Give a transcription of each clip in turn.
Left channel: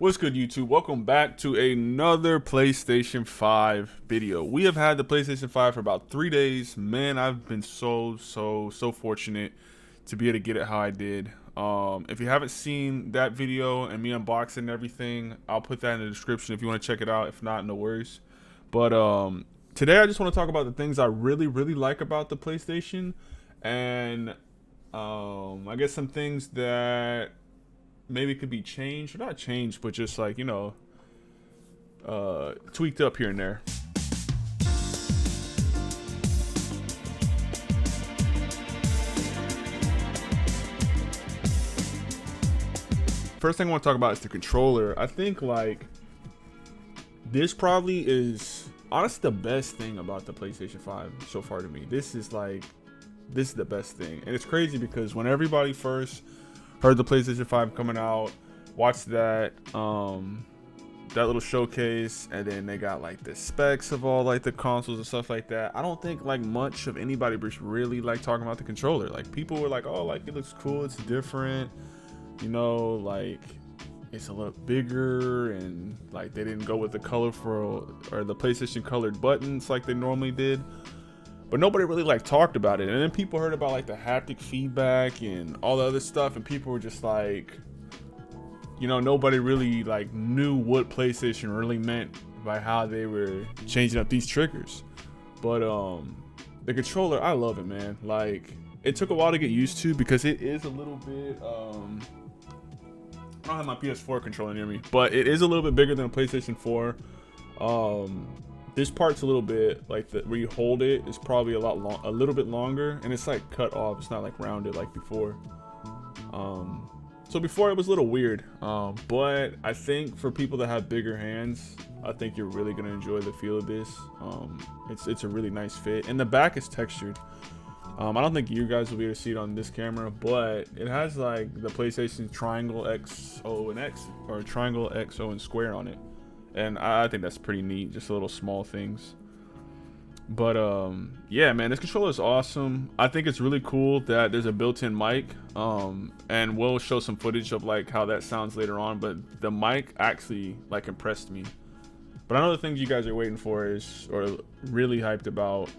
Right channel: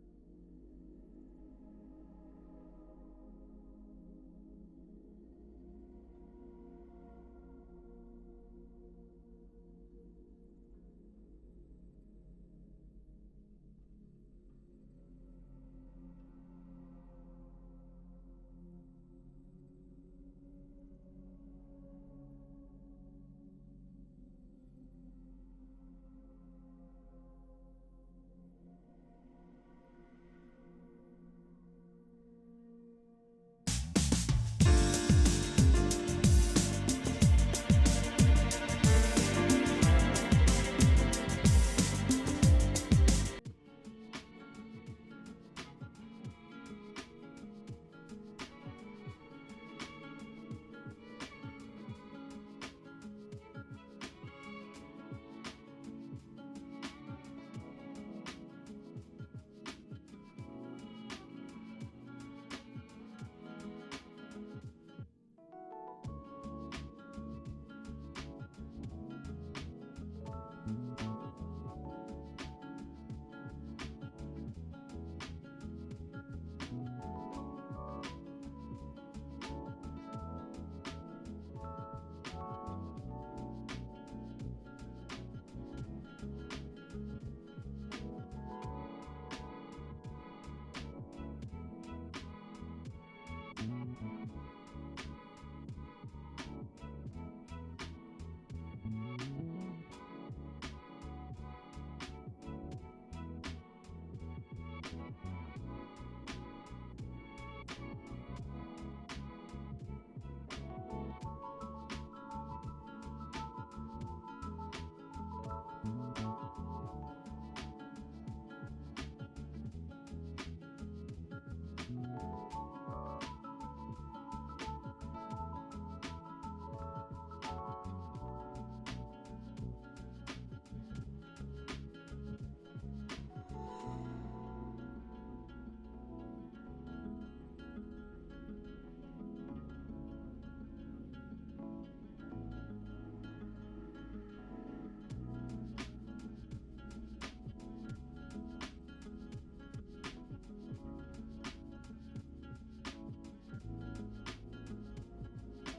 What's good, YouTube? Welcome back to another PlayStation 5 video. We have had the PlayStation 5 for about 3 days. Man, I've been so fortunate to be able to get it how I did. If you haven't seen that video and me unboxing everything, I'll put that in the description if you want to check it out. If not, no worries. But today I just want to talk about the things I really like about the PlayStation, and I guess some things that maybe could be changed, or not changed, but just like, tweaked up here and there. First thing I want to talk about is the controller. I think like this probably is honestly the best thing about the PlayStation 5 so far to me. This is the best thing. And it's crazy because when everybody first heard the PlayStation 5 coming out, watched that that little showcase, and then they got like the specs of all like the consoles and stuff like that. I don't think like much of anybody was really like talking about the controller. Like people were like, oh, like it looks cool, it's different, like it's a little bigger, and like they didn't go with the colorful or the PlayStation colored buttons like they normally did. But nobody really like talked about it. And then people heard about like the haptic feedback and all the other stuff, and people were just like, nobody really like knew what PlayStation really meant by how they were changing up these triggers. But the controller, I love it, man. Like, it took a while to get used to because it is a little bit I don't have my PS4 controller near me, but it is a little bit bigger than a PlayStation 4. This part's a little bit like where you hold it is probably a little bit longer, and it's like cut off. It's not like rounded like before. So before it was a little weird, but I think for people that have bigger hands, I think you're really gonna enjoy the feel of this. It's a really nice fit, and the back is textured. I don't think you guys will be able to see it on this camera, but it has like the PlayStation triangle X, O, and X, or triangle X, O, and square on it. And I think that's pretty neat, just little small things. But yeah, man, this controller is awesome. I think it's really cool that there's a built-in mic, and we'll show some footage of like how that sounds later on. But the mic actually like impressed me. But I know the things you guys are waiting for is, or really hyped about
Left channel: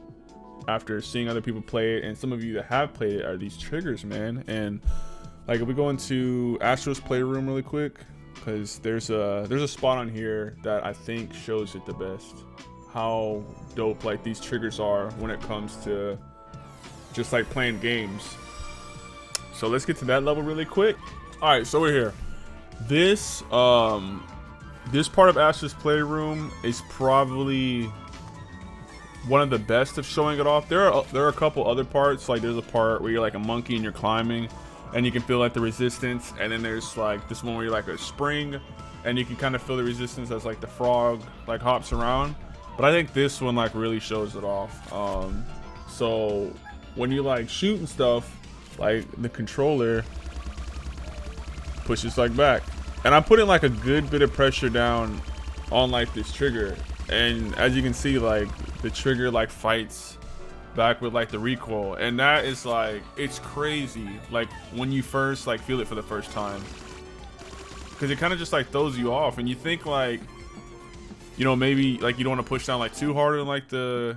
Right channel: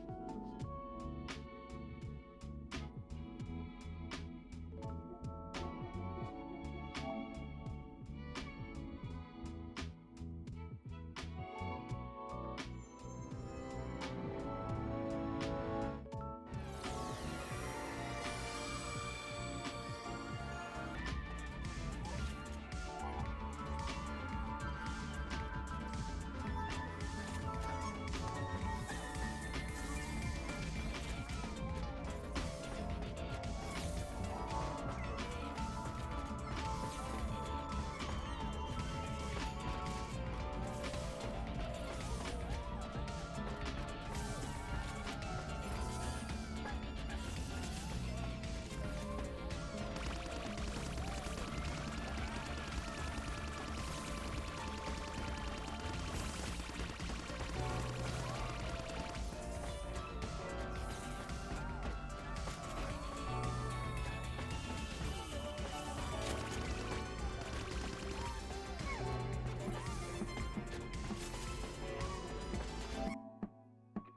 after seeing other people play it, and some of you that have played it, are these triggers, man. And like if we go into Astro's Playroom really quick, because there's a spot on here that I think shows it the best, how dope like these triggers are when it comes to just like playing games. So let's get to that level really quick. All right, so we're here. This part of Astro's Playroom is probably one of the best of showing it off. There are a couple other parts, like there's a part where you're like a monkey and you're climbing, and you can feel like the resistance, and then there's like this one where you're like a spring, and you can kind of feel the resistance as like the frog like hops around. But I think this one like really shows it off. So when you like shoot and stuff, like the controller pushes like back, and I'm putting like a good bit of pressure down on like this trigger, and as you can see, like the trigger like fights back with like the recoil, and that is like, it's crazy like when you first like feel it for the first time, because it kind of just like throws you off, and you think like, maybe like you don't want to push down like too hard on like the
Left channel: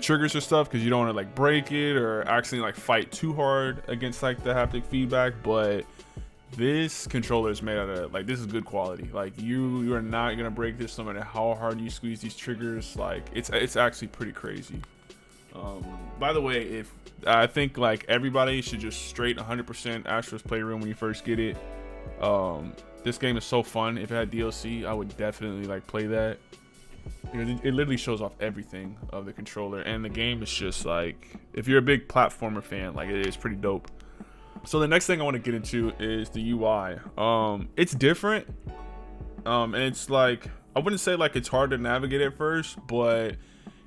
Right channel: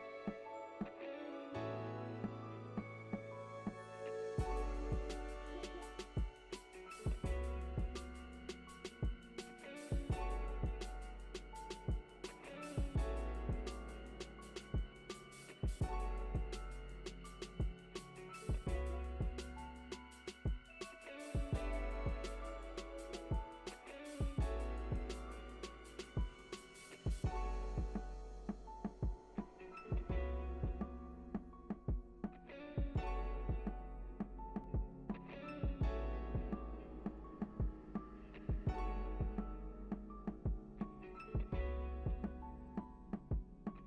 triggers or stuff, because you don't want to like break it or actually like fight too hard against like the haptic feedback. But this controller is made out of like, this is good quality. Like you are not gonna break this no matter how hard you squeeze these triggers. Like it's actually pretty crazy. By the way, if I think like everybody should just straight 100% Astro's Playroom when you first get it. This game is so fun. If it had DLC, I would definitely like play that, because it literally shows off everything of the controller, and the game is just like, if you're a big platformer fan, like it is pretty dope. So the next thing I want to get into is the UI. It's different, and it's like, I wouldn't say like it's hard to navigate at first, but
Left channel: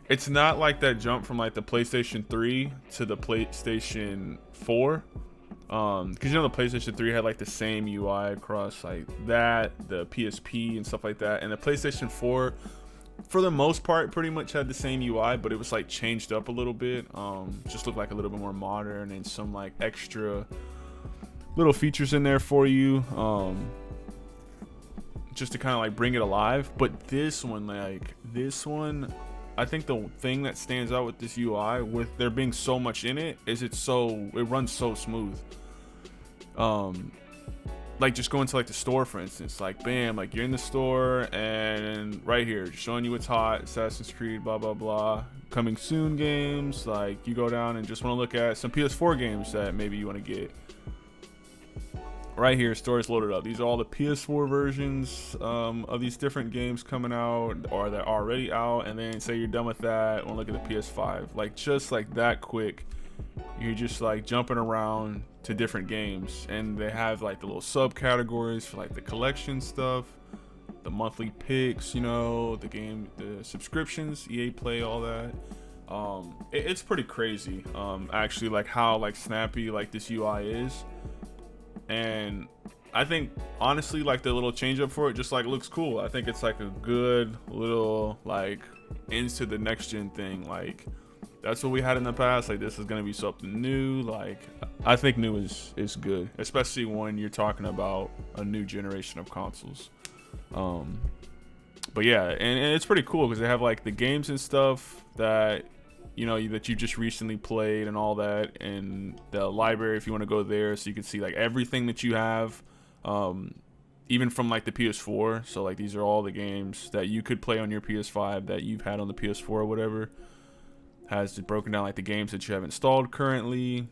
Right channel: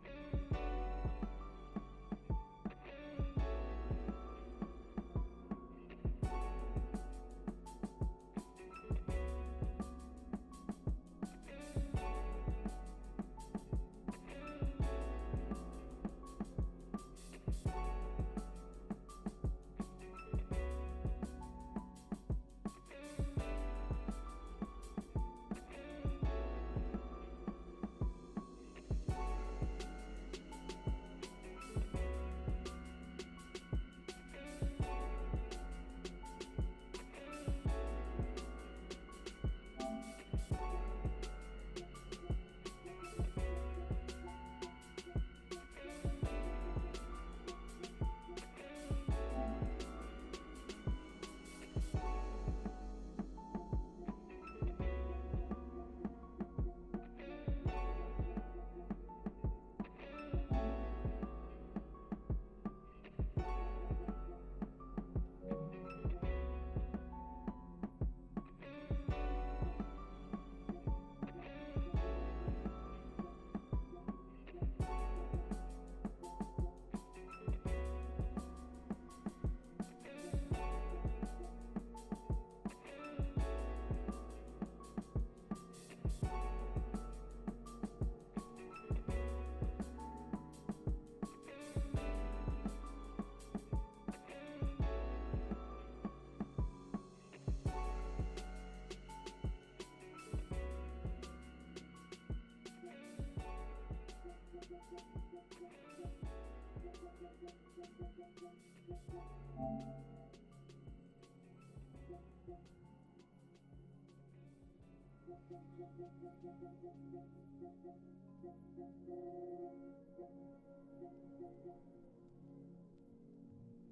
it's not like that jump from like the PlayStation 3 to the PlayStation 4. Because the PlayStation 3 had like the same UI across like that, the PSP and stuff like that, and the PlayStation 4 for the most part pretty much had the same UI, but it was like changed up a little bit. Just looked like a little bit more modern, and some like extra little features in there for you. just to kind of like bring it alive. But this one, I think the thing that stands out with this UI, with there being so much in it, is it runs so smooth. Like just going to like the store, for instance, like bam, like you're in the store and right here showing you what's hot, Assassin's Creed, blah blah blah, coming soon games. Like you go down and just want to look at some PS4 games that maybe you want to get. Right here, store is loaded up. These are all the PS4 versions of these different games coming out, or they're already out. And then say you're done with that, want to look at the PS5. Like just like that quick, you're just like jumping around to different games, and they have like the little subcategories for like the collection stuff, the monthly picks, you know, the subscriptions, EA Play, all that. It's pretty crazy, actually, like how like snappy like this UI is. And I think honestly, like the little change up for it just like looks cool. I think it's like a good little like into the next gen thing. Like that's what we had in the past. Like this is gonna be something new. Like I think new is good, especially when you're talking about a new generation of consoles. But yeah, and it's pretty cool because they have like the games and stuff that you know that you just recently played and all that, and the library if you want to go there, so you can see like everything that you have, even from like the PS4. So like these are all the games that you could play on your PS5 that you've had on the PS4 or whatever. Has it broken down like the games that you have installed currently,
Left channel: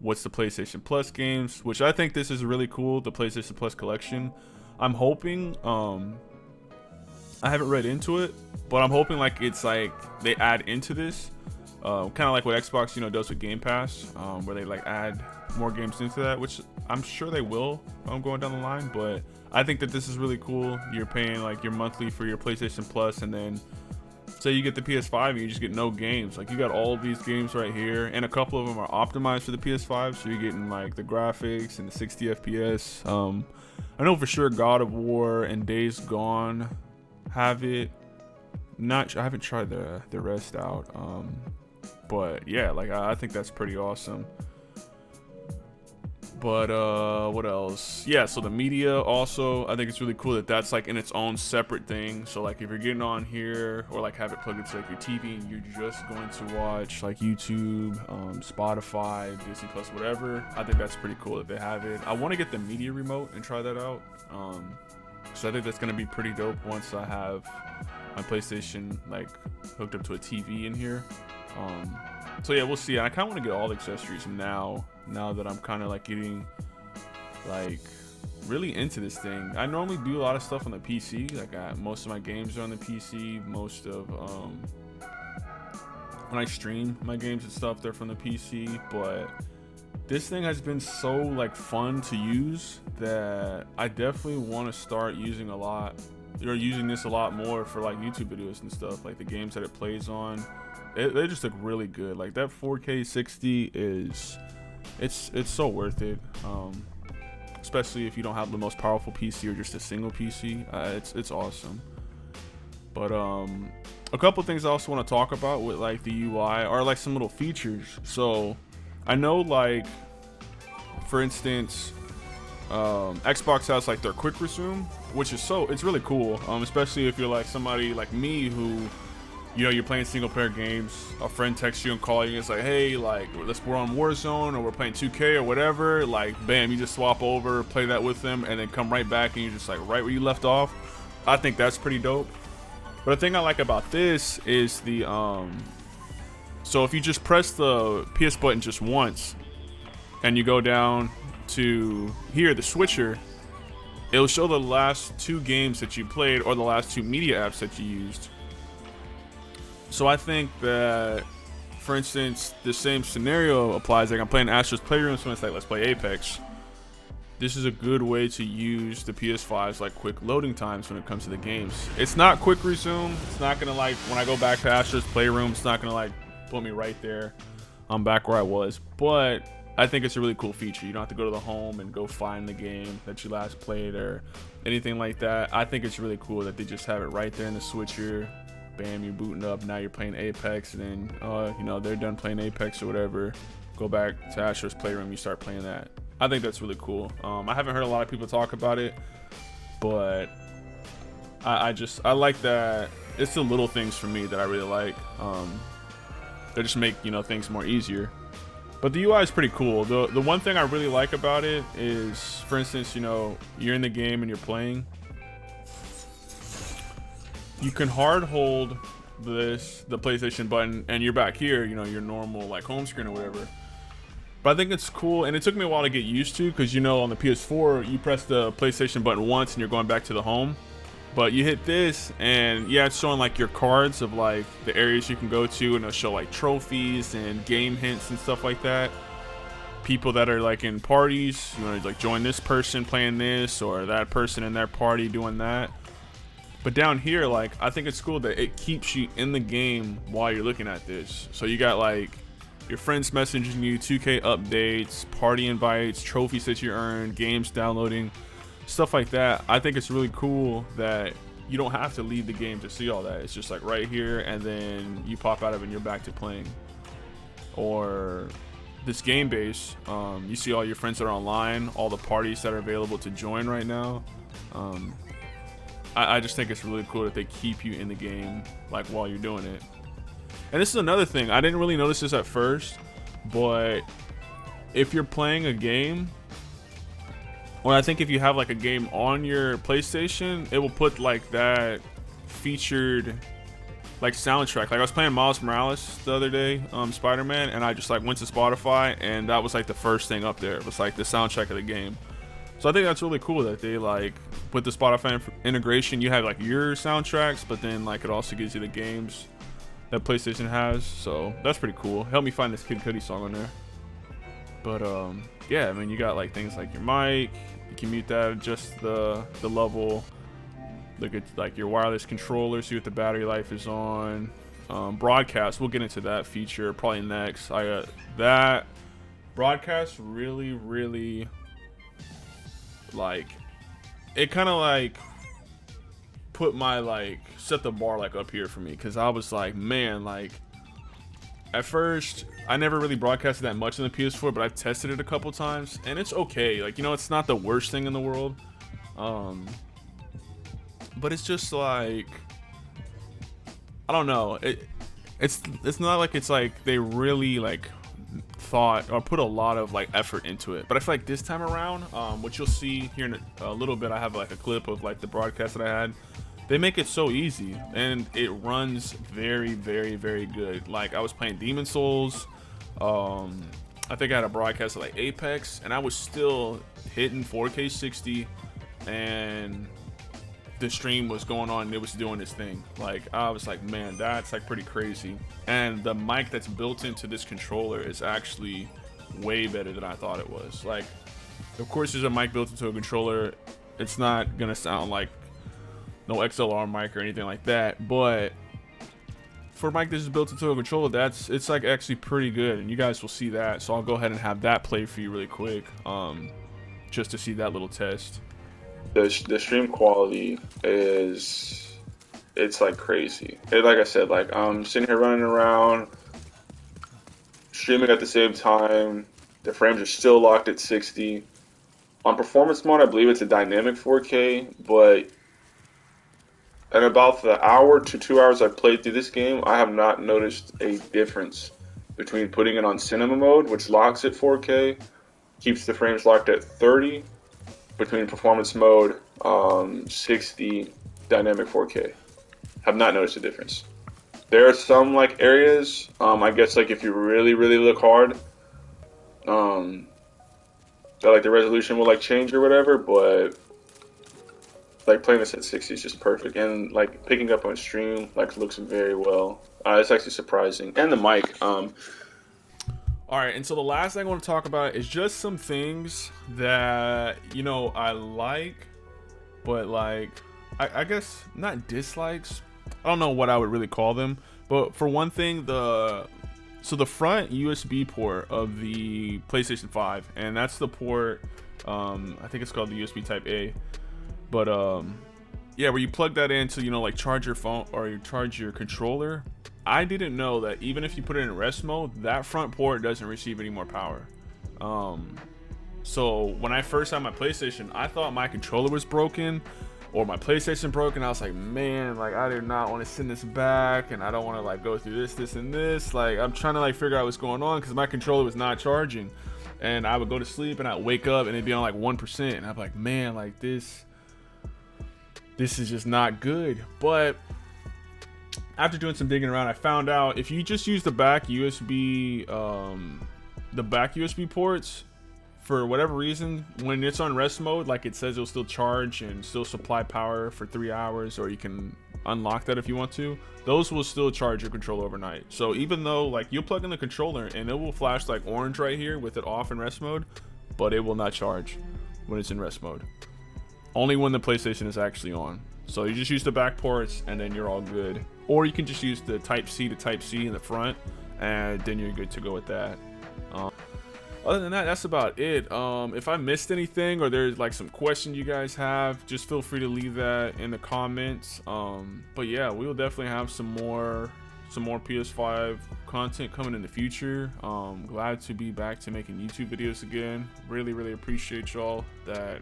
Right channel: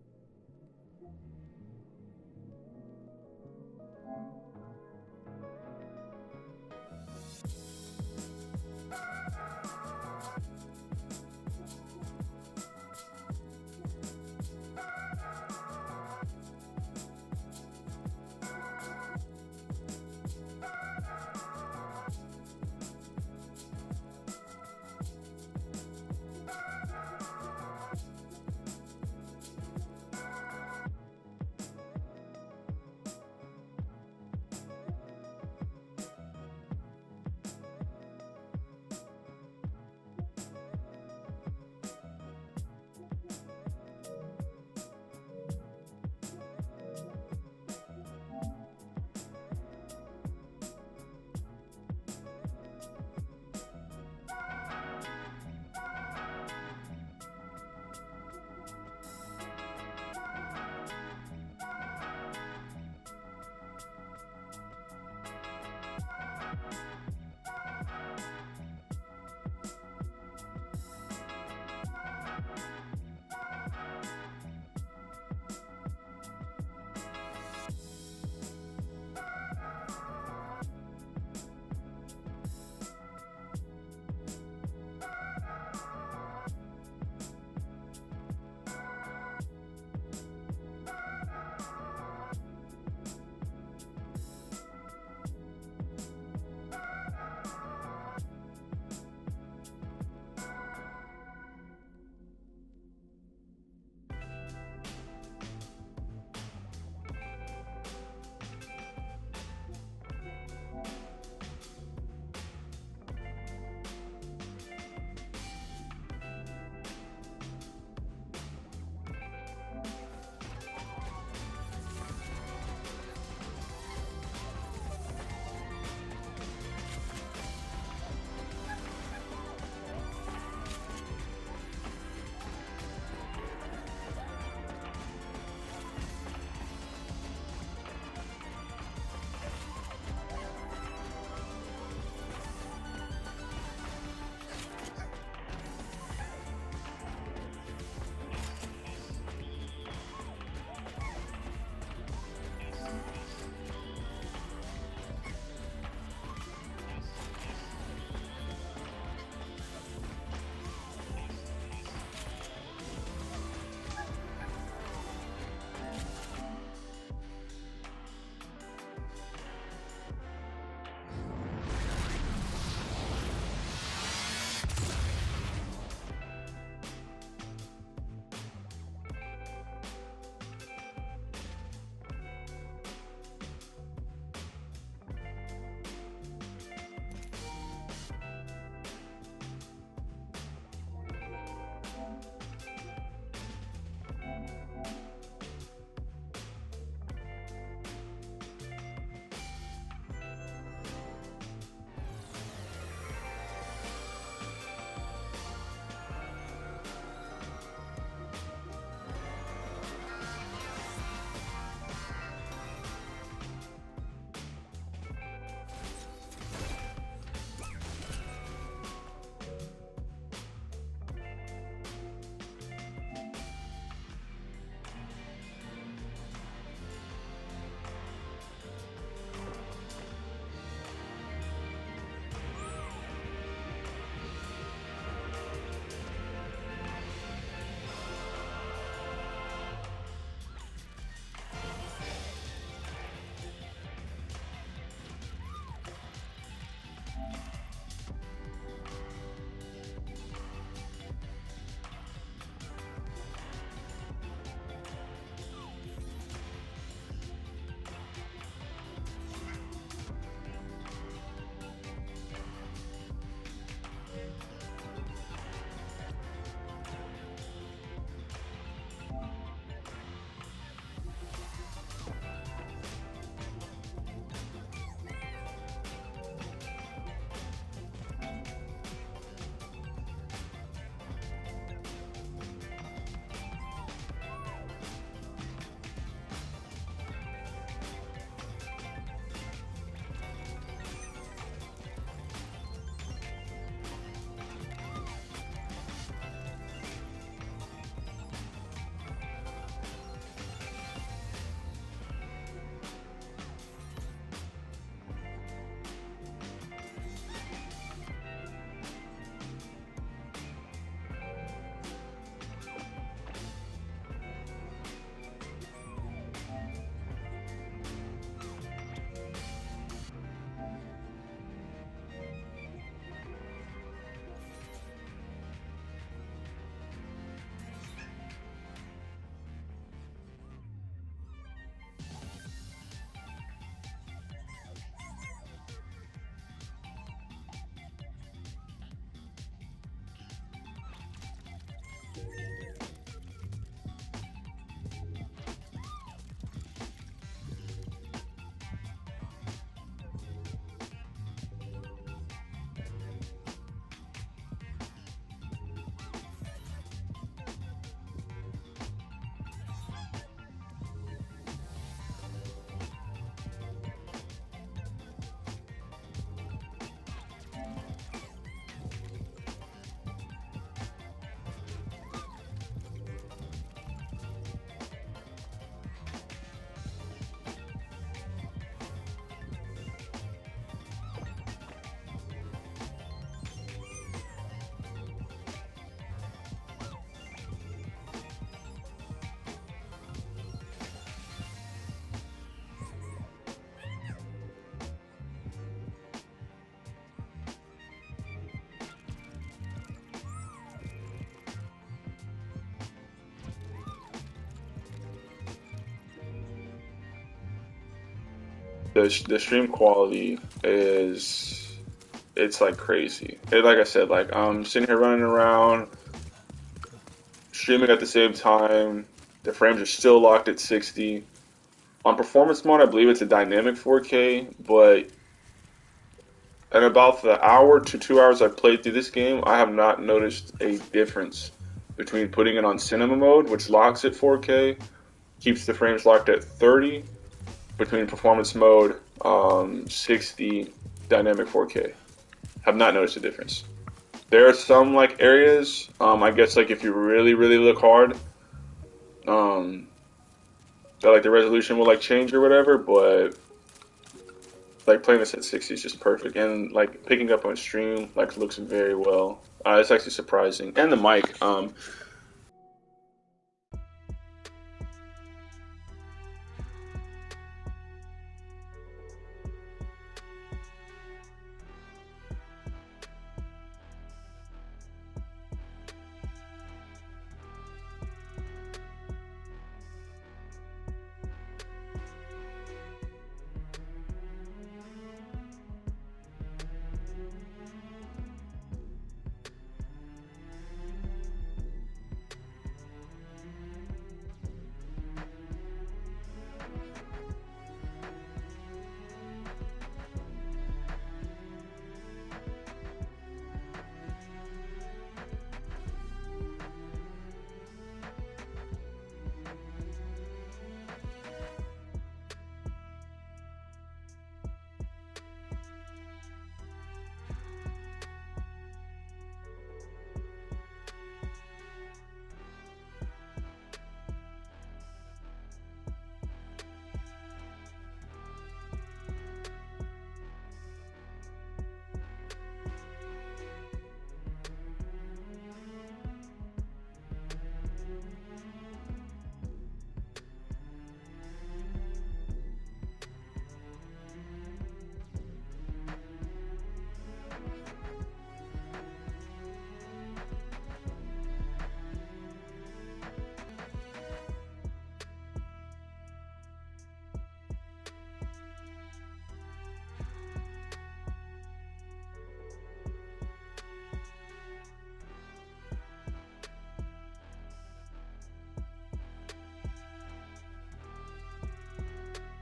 what's the PlayStation Plus games, which I think this is really cool, the PlayStation Plus collection. I'm hoping, I haven't read into it, but I'm hoping like it's like they add into this, kind of like what Xbox, you know, does with Game Pass, where they like add more games into that, which I'm sure they will going down the line. But I think that this is really cool. You're paying like your monthly for your PlayStation Plus, and then say you get the PS5 and you just get no games. Like you got all of these games right here, and a couple of them are optimized for the PS5, so you're getting like the graphics and the 60 FPS. I know for sure God of War and Days Gone have it. I haven't tried the rest out, but yeah, like I think that's pretty awesome. But what else? Yeah, so the media also, I think it's really cool that that's like in its own separate thing. So like if you're getting on here or like have it plugged into like your TV and you're just going to watch like YouTube, Spotify, Disney Plus, whatever, I think that's pretty cool that they have it. I want to get the media remote and try that out. So I think that's gonna be pretty dope once I have my PlayStation like hooked up to a TV in here. So yeah, we'll see. I kind of want to get all the accessories now that I'm kind of like getting like really into this thing. I normally do a lot of stuff on the PC. Like most of my games are on the PC. Most of when I stream my games and stuff, they're from the PC. But this thing has been so like fun to use that I definitely want to start using this a lot more for like YouTube videos and stuff. Like the games that it plays on, they just look really good. Like that 4K 60 it's so worth it, especially if you don't have the most powerful PC or just a single PC. It's awesome. But a couple things I also want to talk about with like the UI are like some little features. So I know like for instance Xbox has like their quick resume, which is it's really cool, especially if you're like somebody like me who, you know, you're playing single player games, a friend texts you and calls you, it's like, hey, like we're on Warzone or we're playing 2K or whatever, like bam, you just swap over, play that with them, and then come right back and you're just like right where you left off. I think that's pretty dope. But the thing I like about this is the so if you just press the PS button just once and you go down to here, the switcher, it'll show the last 2 games that you played or the last 2 media apps that you used. So I think that, for instance, the same scenario applies. Like I'm playing Astro's Playroom, so it's like, let's play Apex. This is a good way to use the PS5's like quick loading times when it comes to the games. It's not quick resume. It's not gonna like, when I go back to Astro's Playroom, it's not gonna like put me right there. I'm back where I was. But I think it's a really cool feature. You don't have to go to the home and go find the game that you last played or anything like that. I think it's really cool that they just have it right there in the switcher. Bam, you're booting up, now you're playing Apex, and then you know, they're done playing Apex or whatever, go back to Astro's Playroom, you start playing that. I think that's really cool. I haven't heard a lot of people talk about it, but I like that. It's the little things for me that I really like. They just make, you know, things more easier. But the UI is pretty cool. The one thing I really like about it is, for instance, you know, you're in the game and you're playing. You can hard hold the PlayStation button and you're back here, you know, your normal like home screen or whatever. But I think it's cool, and it took me a while to get used to, because, you know, on the PS4 you press the PlayStation button once and you're going back to the home. But you hit this and yeah, it's showing like your cards of like the areas you can go to, and it'll show like trophies and game hints and stuff like that. People that are like in parties, you know, like join this person playing this, or that person in their party doing that. But down here, like, I think it's cool that it keeps you in the game while you're looking at this. So you got like your friends messaging you, 2K updates, party invites, trophies that you earned, games downloading, stuff like that. I think it's really cool that you don't have to leave the game to see all that. It's just like right here, and then you pop out of it and you're back to playing. Or this game base, you see all your friends that are online, all the parties that are available to join right now. I just think it's really cool that they keep you in the game like while you're doing it. And this is another thing, I didn't really notice this at first, but if you're playing a game, or I think if you have like a game on your PlayStation, it will put like that featured like soundtrack. Like I was playing Miles Morales the other day, Spider-Man, and I just like went to Spotify, and that was like the first thing up there. It was like the soundtrack of the game. So I think that's really cool that they like, with the Spotify integration, you have like your soundtracks, but then like it also gives you the games that PlayStation has. So that's pretty cool. Help me find this Kid Cudi song on there. But yeah, I mean, you got like things like your mic, you can mute that, adjust the level, look at like your wireless controller, see what the battery life is on. Broadcast, we'll get into that feature probably next. I got that broadcast really like, it kind of like put my like, set the bar like up here for me, because I was like, man, like at first I never really broadcasted that much on the PS4, but I've tested it a couple times and it's okay. Like, you know, it's not the worst thing in the world, but it's just like, I don't know, it's not like it's like they really like thought or put a lot of like effort into it. But I feel like this time around, what you'll see here in a little bit, I have like a clip of like the broadcast that I had. They make it so easy, and it runs very good. Like I was playing Demon Souls, I think I had a broadcast of like Apex, and I was still hitting 4K 60, and the stream was going on and it was doing its thing. Like I was like, man, that's like pretty crazy. And the mic that's built into this controller is actually way better than I thought it was. Like, of course there's a mic built into a controller, it's not gonna sound like no XLR mic or anything like that, but for a mic that is built into a controller, it's like actually pretty good, and you guys will see that. So I'll go ahead and have that play for you really quick, just to see that little test. The stream quality it's like crazy. Like I said, like I'm sitting here running around streaming at the same time. The frames are still locked at 60. On performance mode, I believe it's a dynamic 4K, but in about the hour to 2 hours I've played through this game, I have not noticed a difference between putting it on cinema mode, which locks at 4K, keeps the frames locked at 30, between performance mode, 60, dynamic 4K. Have not noticed a difference. There are some like areas, I guess like if you really look hard, that like the resolution will like change or whatever, but like playing this at 60 is just perfect, and like picking up on stream like looks very well. It's actually surprising, and the mic. All right, and so the last thing I want to talk about is just some things that, you know, I like, but like, I guess not dislikes. I don't know what I would really call them, but for one thing, the front USB port of the PlayStation 5, and that's the port, I think it's called the USB Type A, but yeah, where you plug that in to, you know, like charge your phone or you charge your controller. I didn't know that even if you put it in rest mode, that front port doesn't receive any more power. So when I first had my PlayStation, I thought my controller was broken, or my PlayStation broke, and I was like, man, like I did not want to send this back, and I don't want to like go through this and this. Like I'm trying to like figure out what's going on because my controller was not charging, and I would go to sleep and I'd wake up and it'd be on like 1%, and I'm like, man, like this is just not good. But after doing some digging around, I found out if you just use the back USB ports, for whatever reason, when it's on rest mode, like it says it'll still charge and still supply power for 3 hours, or you can unlock that if you want to. Those will still charge your controller overnight. So even though like you'll plug in the controller and it will flash like orange right here with it off in rest mode, but it will not charge when it's in rest mode. Only when the PlayStation is actually on. So you just use the back ports and then you're all good. Or you can just use the Type-C to Type-C in the front, and then you're good to go with that. Other than that, that's about it. If I missed anything or there's like some question you guys have, just feel free to leave that in the comments. But yeah, we will definitely have some more PS5 content coming in the future. Glad to be back to making YouTube videos again. Really appreciate y'all that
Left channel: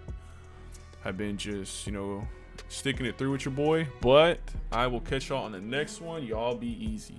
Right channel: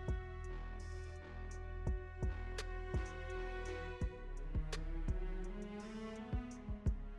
have been just, you know, sticking it through with your boy. But I will catch y'all on the next one. Y'all be easy.